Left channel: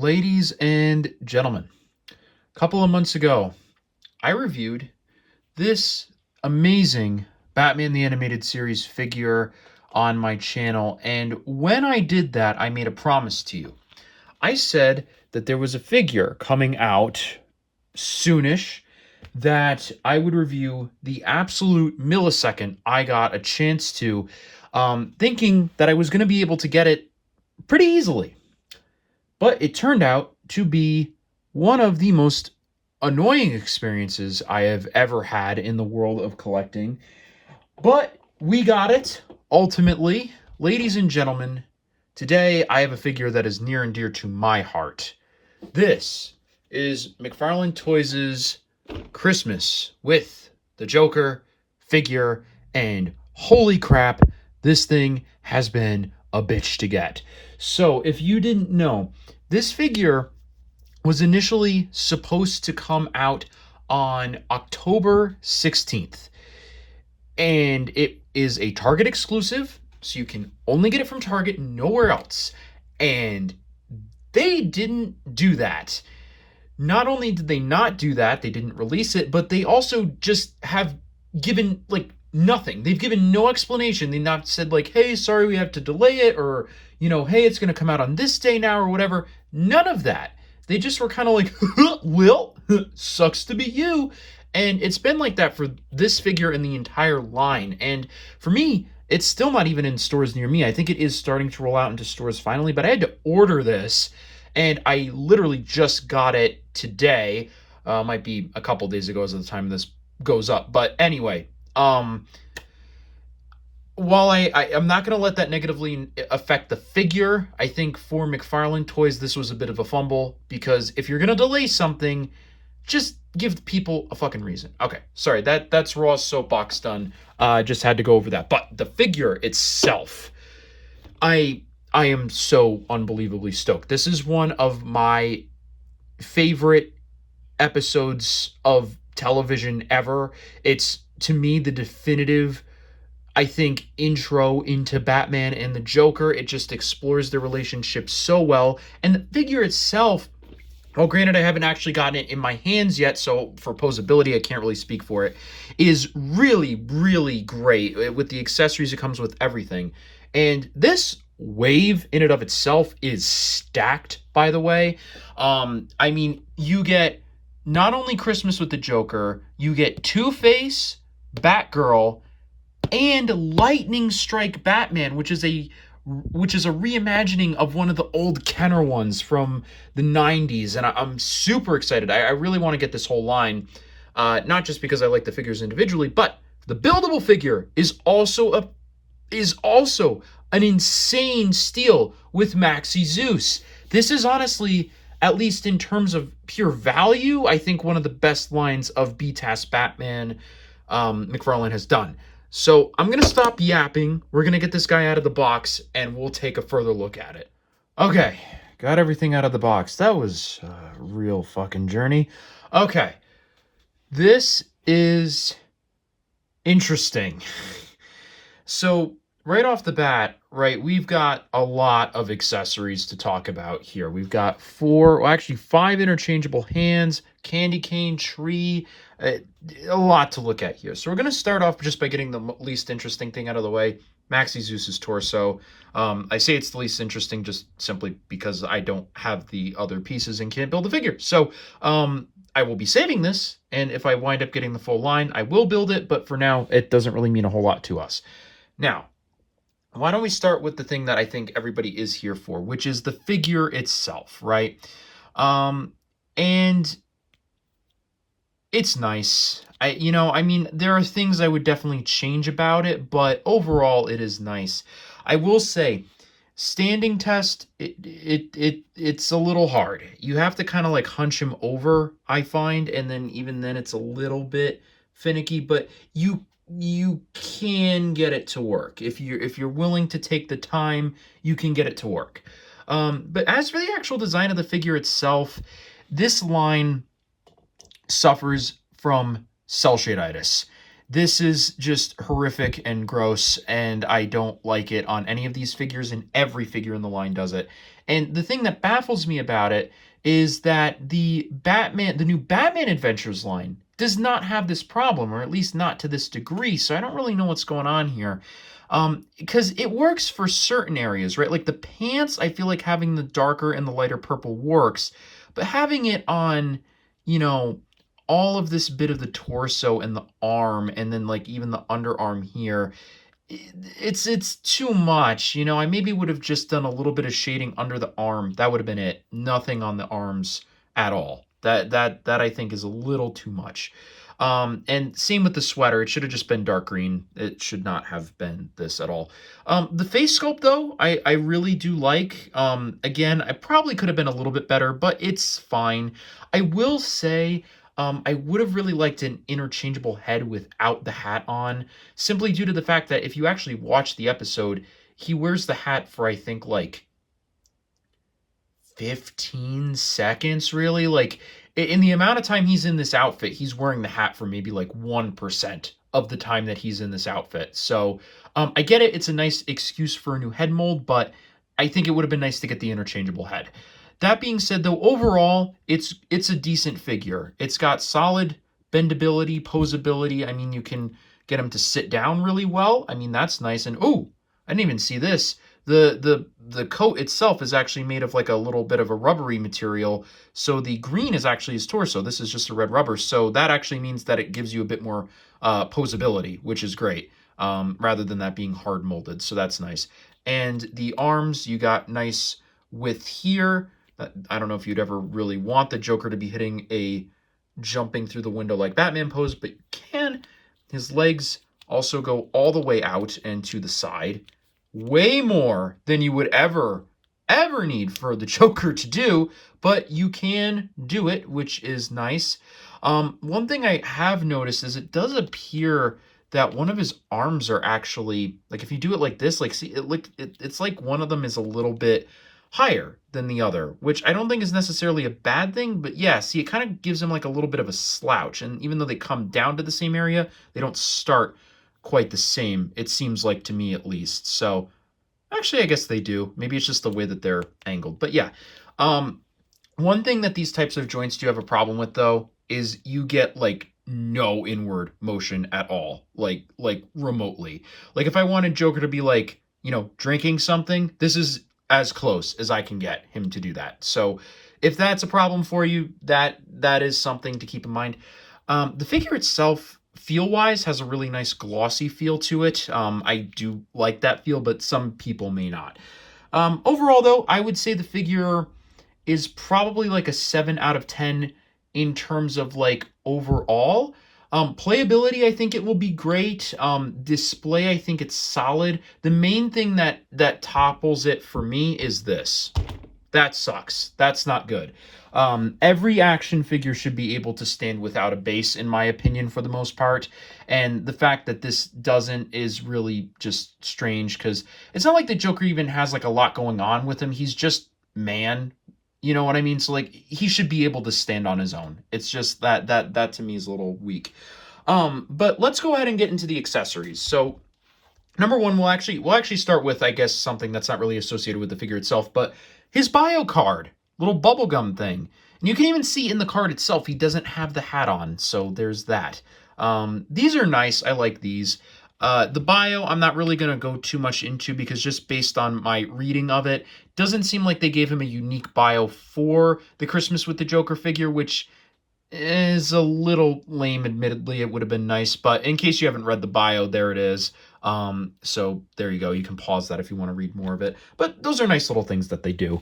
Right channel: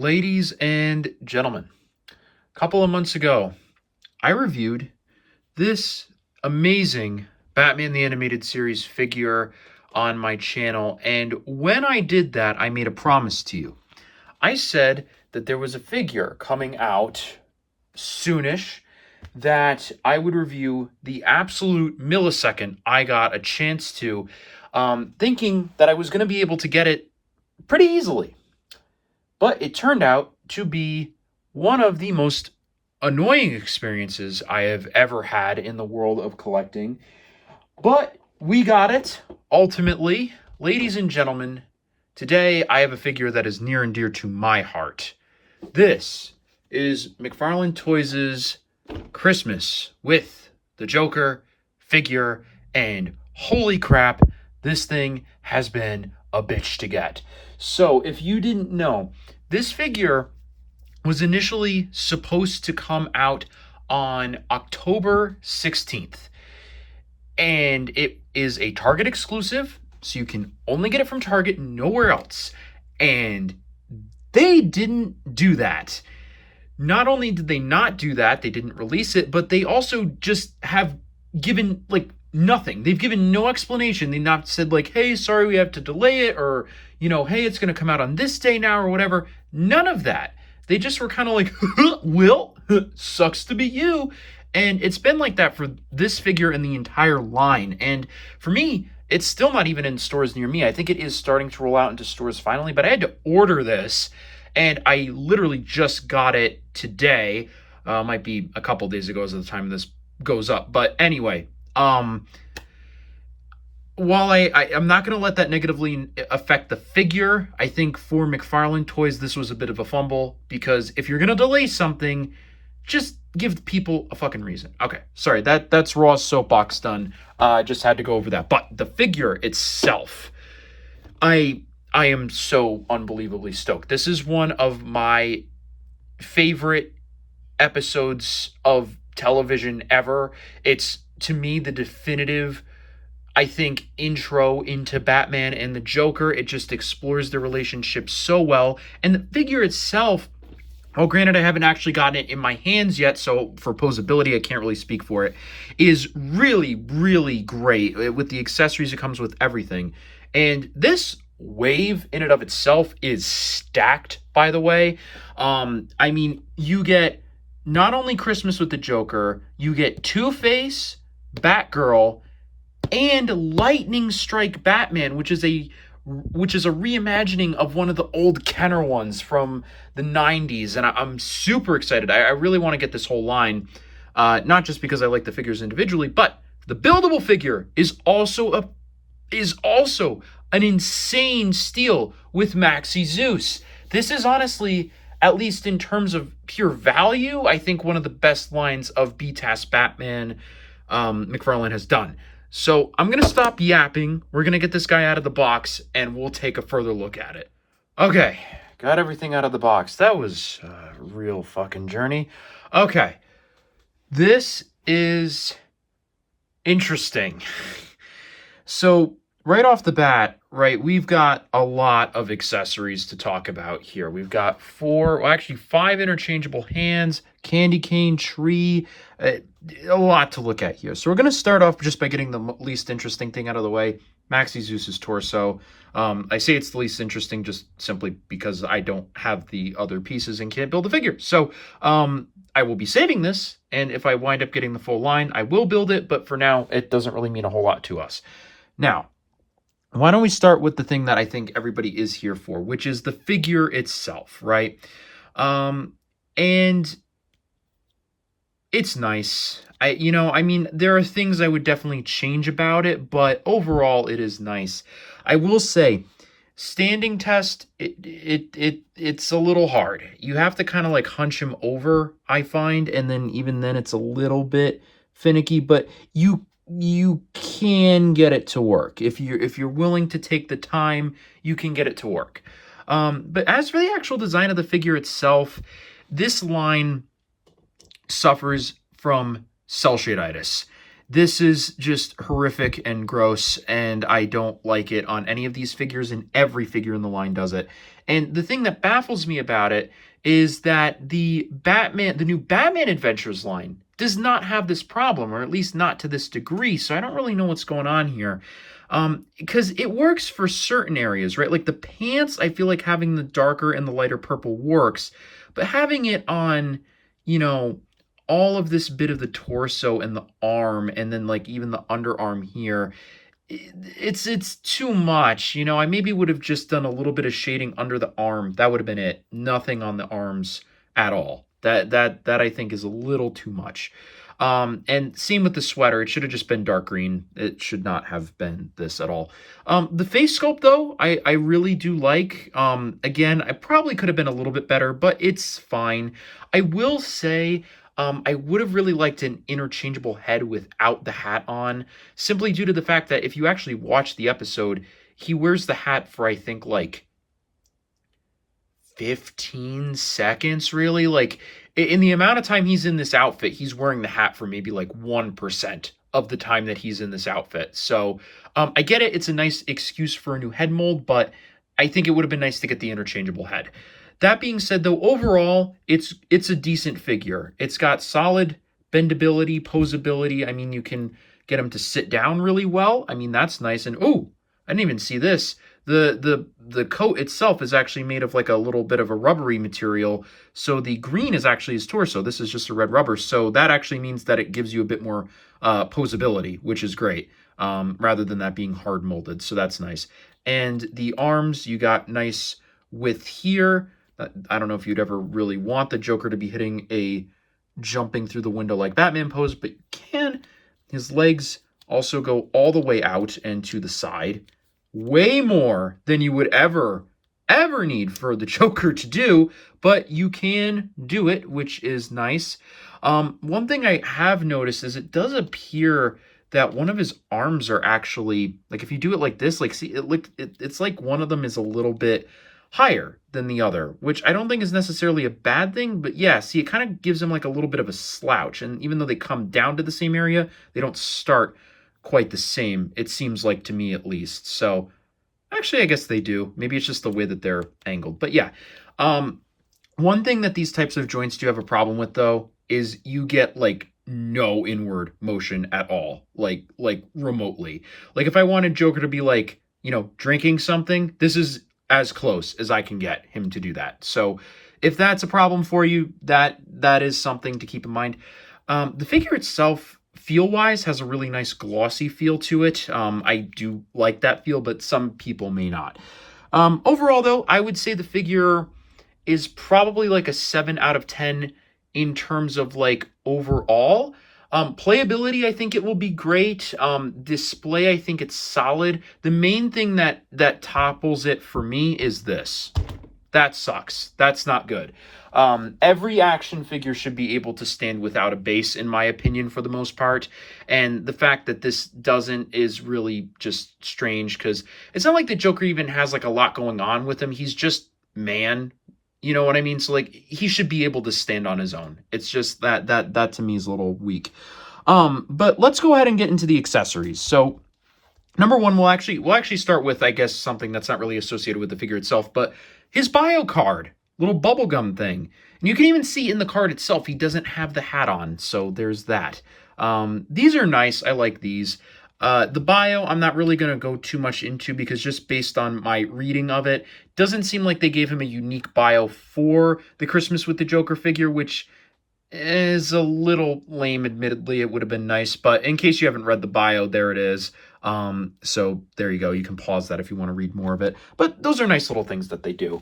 Ladies and gentlemen, a couple of months ago, I reviewed this amazing Batman the Animated Series figure on my channel, and when I did that, I made a promise to you. I said that there was a figure coming out soonish that I would review the absolute millisecond I got a chance to, thinking that I was going to be able to get it pretty easily. But it turned out to be one of the most annoying experiences I have ever had in the world of collecting. But we got it, ultimately. Ladies and gentlemen, today I have a figure that is near and dear to my heart. This is Mcfarlane Toys' Christmas with the Joker figure, and holy crap, this thing has been a bitch to get. So if you didn't know, this figure was initially supposed to come out on October 16th. And it is a Target exclusive, so you can only get it from Target, nowhere else. And they didn't do that. Not only did they not do that, they didn't release it, but they also just have given, nothing. They've given no explanation. They've not said, hey, sorry, we have to delay it, or, hey, it's going to come out on this day now, or whatever. None of that. They just were kind of like, well, sucks to be you. And it's been like that for this figure and the entire line. And for me, it's still not even in stores near me. I think it is starting to roll out into stores finally, but I had to order this, and I literally just got it today. Might be a couple days ago as of the time this goes up. But anyway, while I'm not going to let that negatively affect the figure, I think for Mcfarlane Toys, this was a bit of a fumble, because if you're going to delay something, just give people a fucking reason. Okay, sorry, that's raw soapbox done. Just had to go over that. But the figure itself, I am so unbelievably stoked. This is one of my favorite episodes of television ever. It's, to me, the definitive, I think, intro into Batman and the Joker. It just explores the relationship so well. And the figure itself, well, granted, I haven't actually gotten it in my hands yet, so for posability, I can't really speak for it, is really, really great. With the accessories, it comes with everything. And this wave in and of itself is stacked, by the way. I mean, you get not only Christmas with the Joker, you get Two-Face, Batgirl, and Lightning Strike Batman, which is a reimagining of one of the old Kenner ones from the 90s, and I'm super excited. I really want to get this whole line, not just because I like the figures individually, but the buildable figure is also an insane steal with Maxi Zeus. This is honestly, at least in terms of pure value, I think one of the best lines of BTAS Batman Mcfarlane has done. So I'm going to stop yapping. We're going to get this guy out of the box, and we'll take a further look at it. Okay, got everything out of the box. That was a real fucking journey. Okay, this is interesting. So right off the bat, right, we've got a lot of accessories to talk about here. We've got five interchangeable hands, candy cane, tree, a lot to look at here. So we're going to start off just by getting the least interesting thing out of the way, Maxi Zeus's torso. I say it's the least interesting just simply because I don't have the other pieces and can't build a figure. So I will be saving this, and if I wind up getting the full line, I will build it, but for now, it doesn't really mean a whole lot to us. Now, why don't we start with the thing that I think everybody is here for, which is the figure itself, right? And it's nice. I mean, there are things I would definitely change about it, but overall, it is nice. I will say, standing test, it's a little hard. You have to kind of hunch him over, I find, and then even then it's a little bit finicky, but you can get it to work. If you're willing to take the time, you can get it to work. But as for the actual design of the figure itself, this line suffers from cell shadeitis. This is just horrific and gross, and I don't like it on any of these figures, and every figure in the line does it. And the thing that baffles me about it is that the new Batman Adventures line does not have this problem, or at least not to this degree. So I don't really know what's going on here. Because it works for certain areas, right? Like the pants, I feel like having the darker and the lighter purple works, but having it on, you know, all of this bit of the torso and the arm, and then like even the underarm here, it's too much. I maybe would have just done a little bit of shading under the arm. That would have been it. Nothing on the arms at all. That I think is a little too much. And same with the sweater. It should have just been dark green. It should not have been this at all. The face sculpt though, I really do like. Again, I probably could have been a little bit better, but it's fine. I will say, I would have really liked an interchangeable head without the hat on, simply due to the fact that if you actually watch the episode, he wears the hat for I think like 15 seconds, really. Like in the amount of time he's in this outfit, he's wearing the hat for maybe like 1% of the time that he's in this outfit. So I get it. It's a nice excuse for a new head mold, but I think it would have been nice to get the interchangeable head. That being said, though, overall, it's a decent figure. It's got solid bendability, posability. I mean, you can get him to sit down really well. I mean, that's nice. And oh, I didn't even see this. The coat itself is actually made of like a little bit of a rubbery material. So the green is actually his torso. This is just a red rubber. So that actually means that it gives you a bit more posability, which is great, rather than that being hard molded. So that's nice. And the arms, you got nice width here. I don't know if you'd ever really want the Joker to be hitting a jumping through the window like Batman pose, but you can. His legs also go all the way out and to the side. Way more than you would ever need for the Joker to do, but you can do it, which is nice. One thing I have noticed is it does appear that one of his arms are actually, like if you do it like this, like see, it's like one of them is a little bit higher than the other, which I don't think is necessarily a bad thing, but yeah, see, it kind of gives him like a little bit of a slouch. And even though they come down to the same area, they don't start quite the same, it seems like, to me at least. So actually, I guess they do. Maybe it's just the way that they're angled. But yeah, one thing that these types of joints do have a problem with, though, is you get like no inward motion at all, like remotely. Like if I wanted Joker to be like, drinking something, this is as close as I can get him to do that. So if that's a problem for you, that is something to keep in mind. The figure itself, feel-wise, has a really nice glossy feel to it. I do like that feel, but some people may not. Overall, though, I would say the figure is probably like a 7 out of 10 in terms of like overall. Playability, I think it will be great. Display, I think it's solid. The main thing that topples it for me is this. That sucks. That's not good. Every action figure should be able to stand without a base, in my opinion, for the most part. And the fact that this doesn't is really just strange, because it's not like the Joker even has like a lot going on with him. He's just man. You know what I mean? So like he should be able to stand on his own. It's just that to me is a little weak. But let's go ahead and get into the accessories. So number one, we'll actually start with, I guess, something that's not really associated with the figure itself, but his bio card, little bubblegum thing. And you can even see in the card itself, he doesn't have the hat on. So there's that. These are nice. I like these. The bio, I'm not really going to go too much into, because just based on my reading of it, doesn't seem like they gave him a unique bio for the Christmas with the Joker figure, which is a little lame, admittedly. It would have been nice, but in case you haven't read the bio, there it is. So there you go. You can pause that if you want to read more of it, but those are nice little things that they do.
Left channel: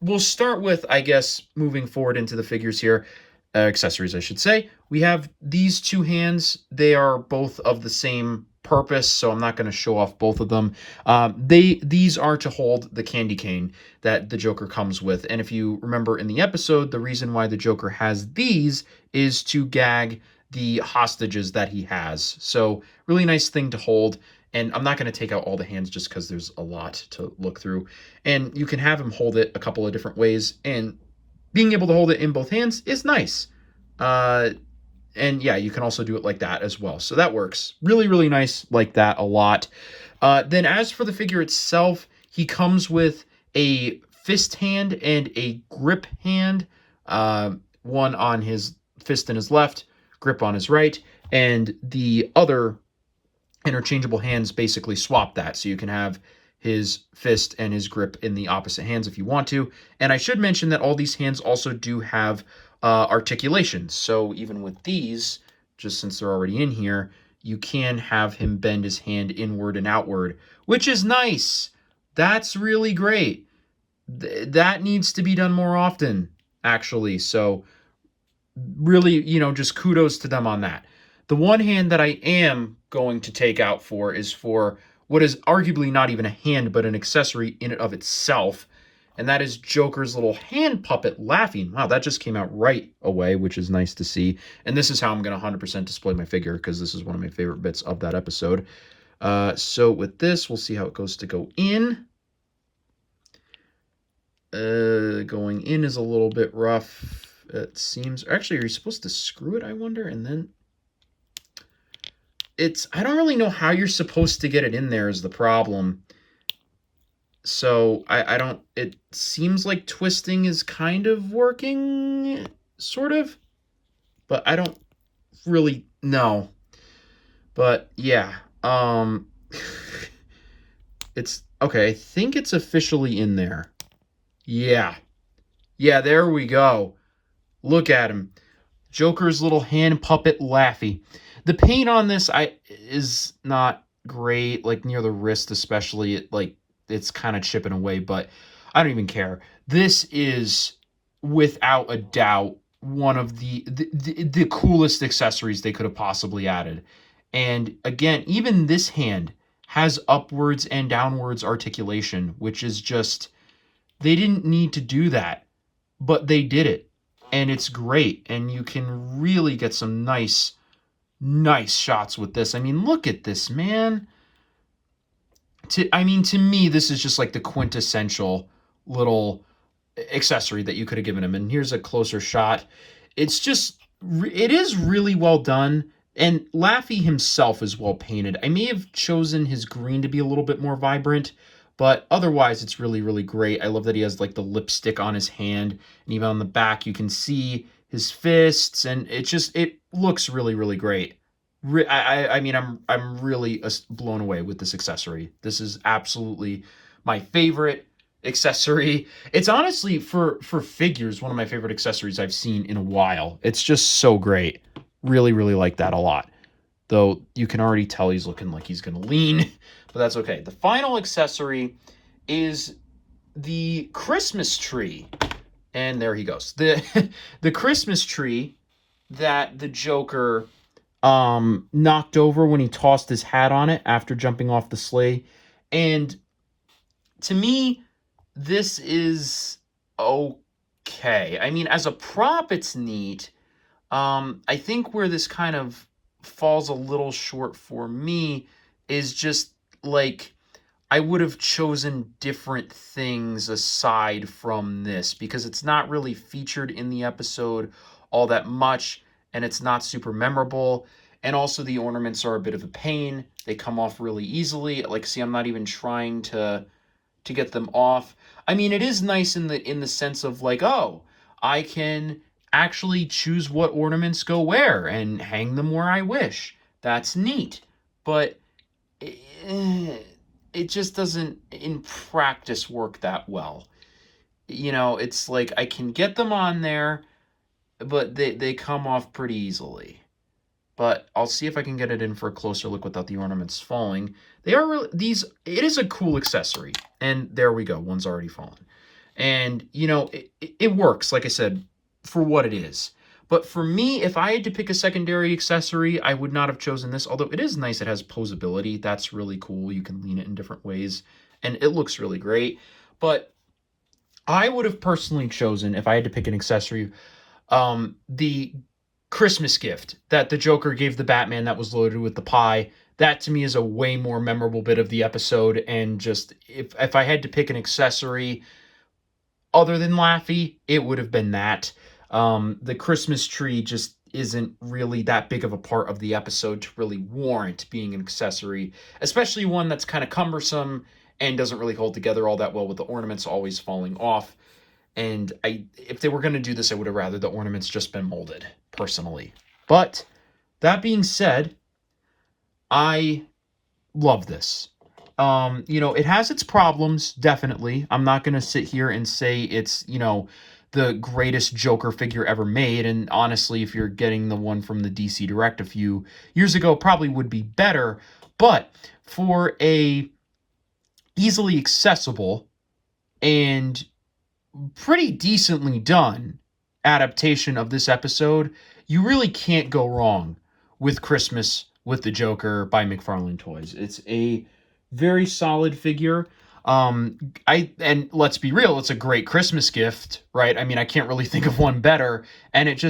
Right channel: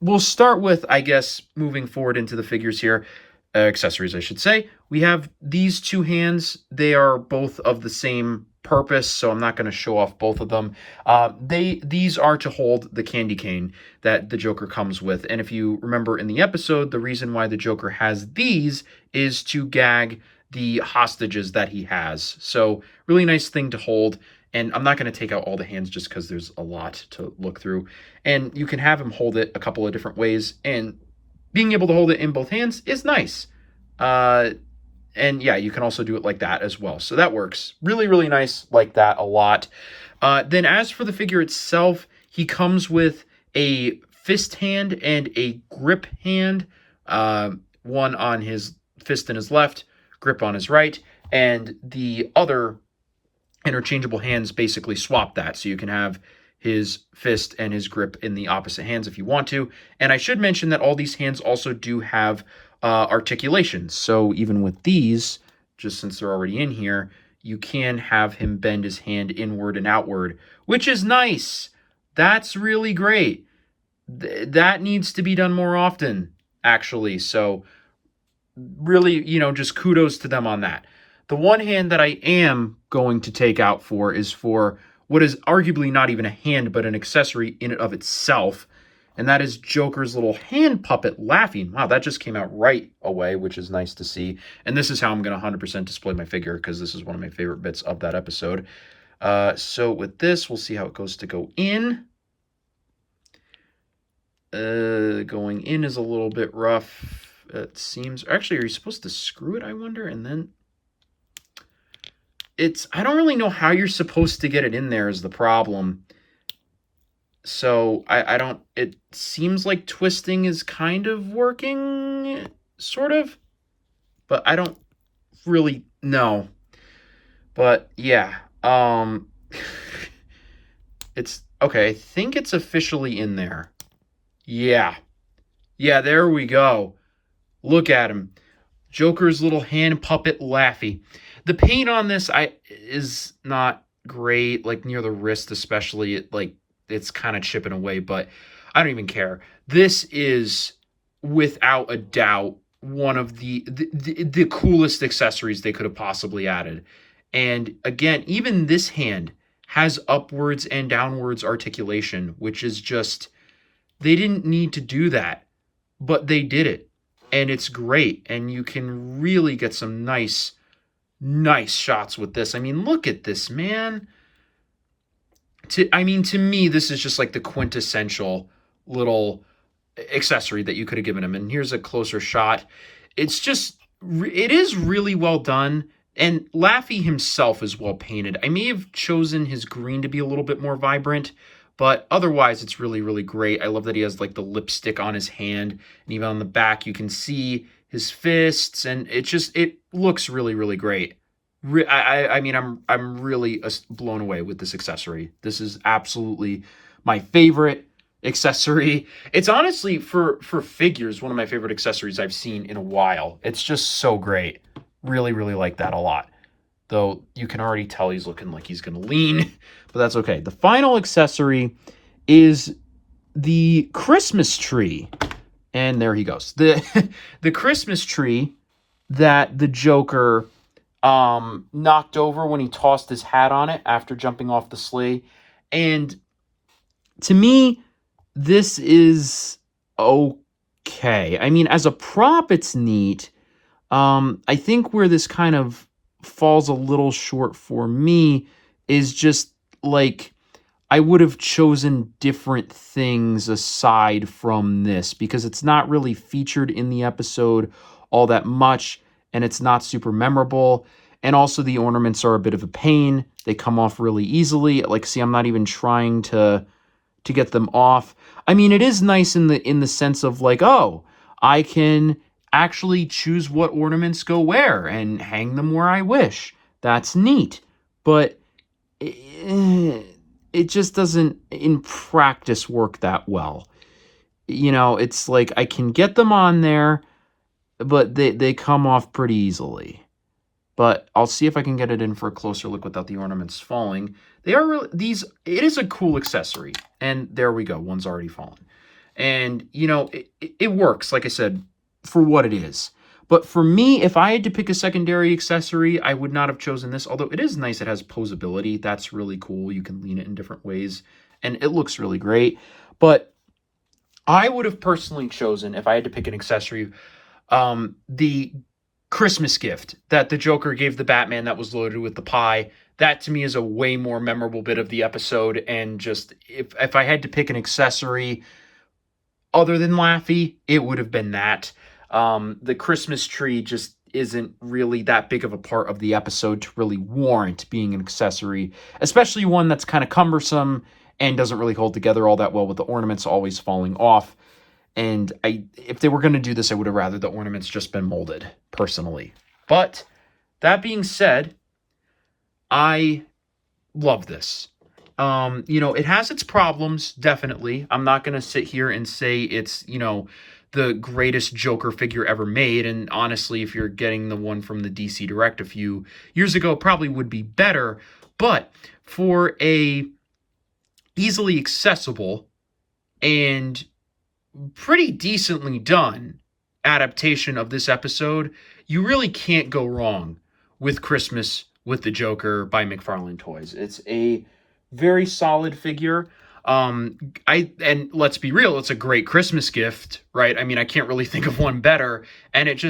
We'll start with, I guess, moving forward into the figures here. Accessories, I should say. We have these two hands. They are both of the same purpose, so I'm not going to show off both of them. These are to hold the candy cane that the Joker comes with. And if you remember in the episode, the reason why the Joker has these is to gag the hostages that he has. So really nice thing to hold. And I'm not going to take out all the hands just because there's a lot to look through. And you can have him hold it a couple of different ways, and being able to hold it in both hands is nice. And yeah, you can also do it like that as well. So that works. Really, really nice like that a lot. Then as for the figure itself, he comes with a fist hand and a grip hand, one on his fist in his left, grip on his right, and the other interchangeable hands basically swap that. So you can have his fist and his grip in the opposite hands if you want to. And I should mention that all these hands also do have articulations. So even with these, just since they're already in here, you can have him bend his hand inward and outward, which is nice. That's really great. That needs to be done more often, actually. So really, just kudos to them on that. The one hand that I am going to take out for is for what is arguably not even a hand, but an accessory in and of itself. And that is Joker's little hand puppet laughing. Wow, that just came out right away, which is nice to see. And this is how I'm going to 100% display my figure, because this is one of my favorite bits of that episode. So with this, we'll see how it goes to go in. Going in is a little bit rough. It seems, actually, are you supposed to screw it, I wonder? And then I don't really know how you're supposed to get it in there is the problem. So I don't, it seems like twisting is kind of working, sort of, but I don't really know. But yeah, it's, okay, I think it's officially in there. Yeah, there we go. Look at him. Joker's little hand puppet Laffy. The paint on this is not great, like near the wrist especially. It's kind of chipping away, but I don't even care. This is without a doubt one of the coolest accessories they could have possibly added. And again, even this hand has upwards and downwards articulation, which is just, they didn't need to do that, but they did it. And it's great, and you can really get some nice shots with this. I mean, look at this, man. To me, this is just like the quintessential little accessory that you could have given him. And here's a closer shot. It is really well done, and Laffy himself is well painted. I may have chosen his green to be a little bit more vibrant, but otherwise, it's really, really great. I love that he has like the lipstick on his hand, and even on the back, you can see his fists, and it looks really, really great. I mean, I'm really blown away with this accessory. This is absolutely my favorite accessory. It's honestly, for figures, one of my favorite accessories I've seen in a while. It's just so great. Really, really like that a lot. Though you can already tell he's looking like he's going to lean, but that's okay. The final accessory is the Christmas tree. And there he goes. The Christmas tree that the Joker knocked over when he tossed his hat on it after jumping off the sleigh. And to me, this is okay. I mean, as a prop, it's neat. I think where this kind of falls a little short for me is just like, I would have chosen different things aside from this, because it's not really featured in the episode all that much, and it's not super memorable. And also the ornaments are a bit of a pain. They come off really easily. Like, see, I'm not even trying to get them off. I mean, it is nice in the sense of like, oh, I can actually choose what ornaments go where and hang them where I wish. That's neat. But it just doesn't, in practice, work that well. It's like I can get them on there, but they come off pretty easily. But I'll see if I can get it in for a closer look without the ornaments falling. They are really, it is a cool accessory. And there we go. One's already fallen. And, it works, like I said, for what it is. But for me, if I had to pick a secondary accessory, I would not have chosen this. Although it is nice. It has posability. That's really cool. You can lean it in different ways. And it looks really great. But I would have personally chosen, if I had to pick an accessory, the Christmas gift that the Joker gave the Batman that was loaded with the pie. That to me is a way more memorable bit of the episode. And just if I had to pick an accessory other than Laffy, it would have been that. The Christmas tree just isn't really that big of a part of the episode to really warrant being an accessory, especially one that's kind of cumbersome and doesn't really hold together all that well with the ornaments always falling off. And if they were going to do this, I would have rather the ornaments just been molded, personally. But that being said, I love this. It has its problems, definitely. I'm not going to sit here and say it's, the greatest Joker figure ever made. And honestly, if you're getting the one from the DC Direct a few years ago, probably would be better. But for a easily accessible and pretty decently done adaptation of this episode, you really can't go wrong with Christmas with the Joker by Mcfarlane Toys. It's a very solid figure. And let's be real, it's a great Christmas gift, right? I mean, I can't really think of one better. And it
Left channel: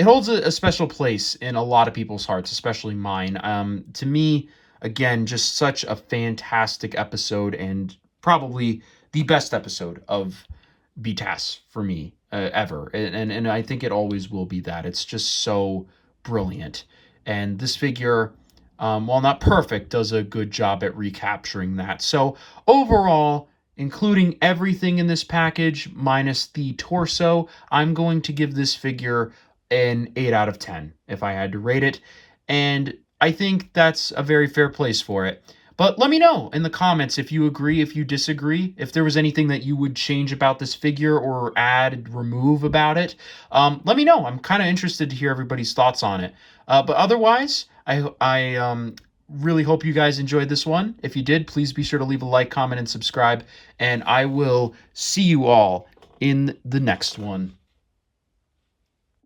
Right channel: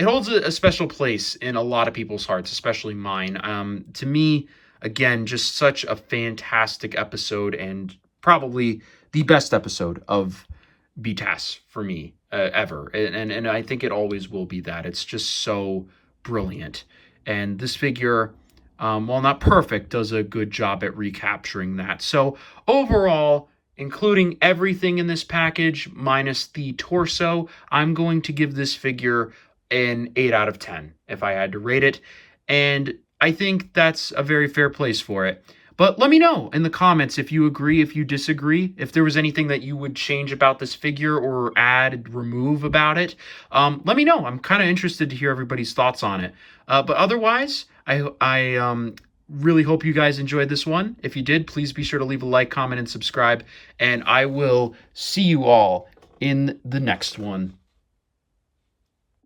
holds a special place in a lot of people's hearts, especially mine. To me, again, just such a fantastic episode, and probably the best episode of BTAS for me ever. And I think it always will be that. It's just so brilliant. And this figure, while not perfect, does a good job at recapturing that. So overall, including everything in this package minus the torso, I'm going to give this figure an 8 out of 10 if I had to rate it. And I think that's a very fair place for it. But let me know in the comments if you agree, if you disagree, if there was anything that you would change about this figure or add, remove about it. Let me know. I'm kind of interested to hear everybody's thoughts on it. But otherwise, I really hope you guys enjoyed this one. If you did, please be sure to leave a like, comment, and subscribe. And I will see you all in the next one.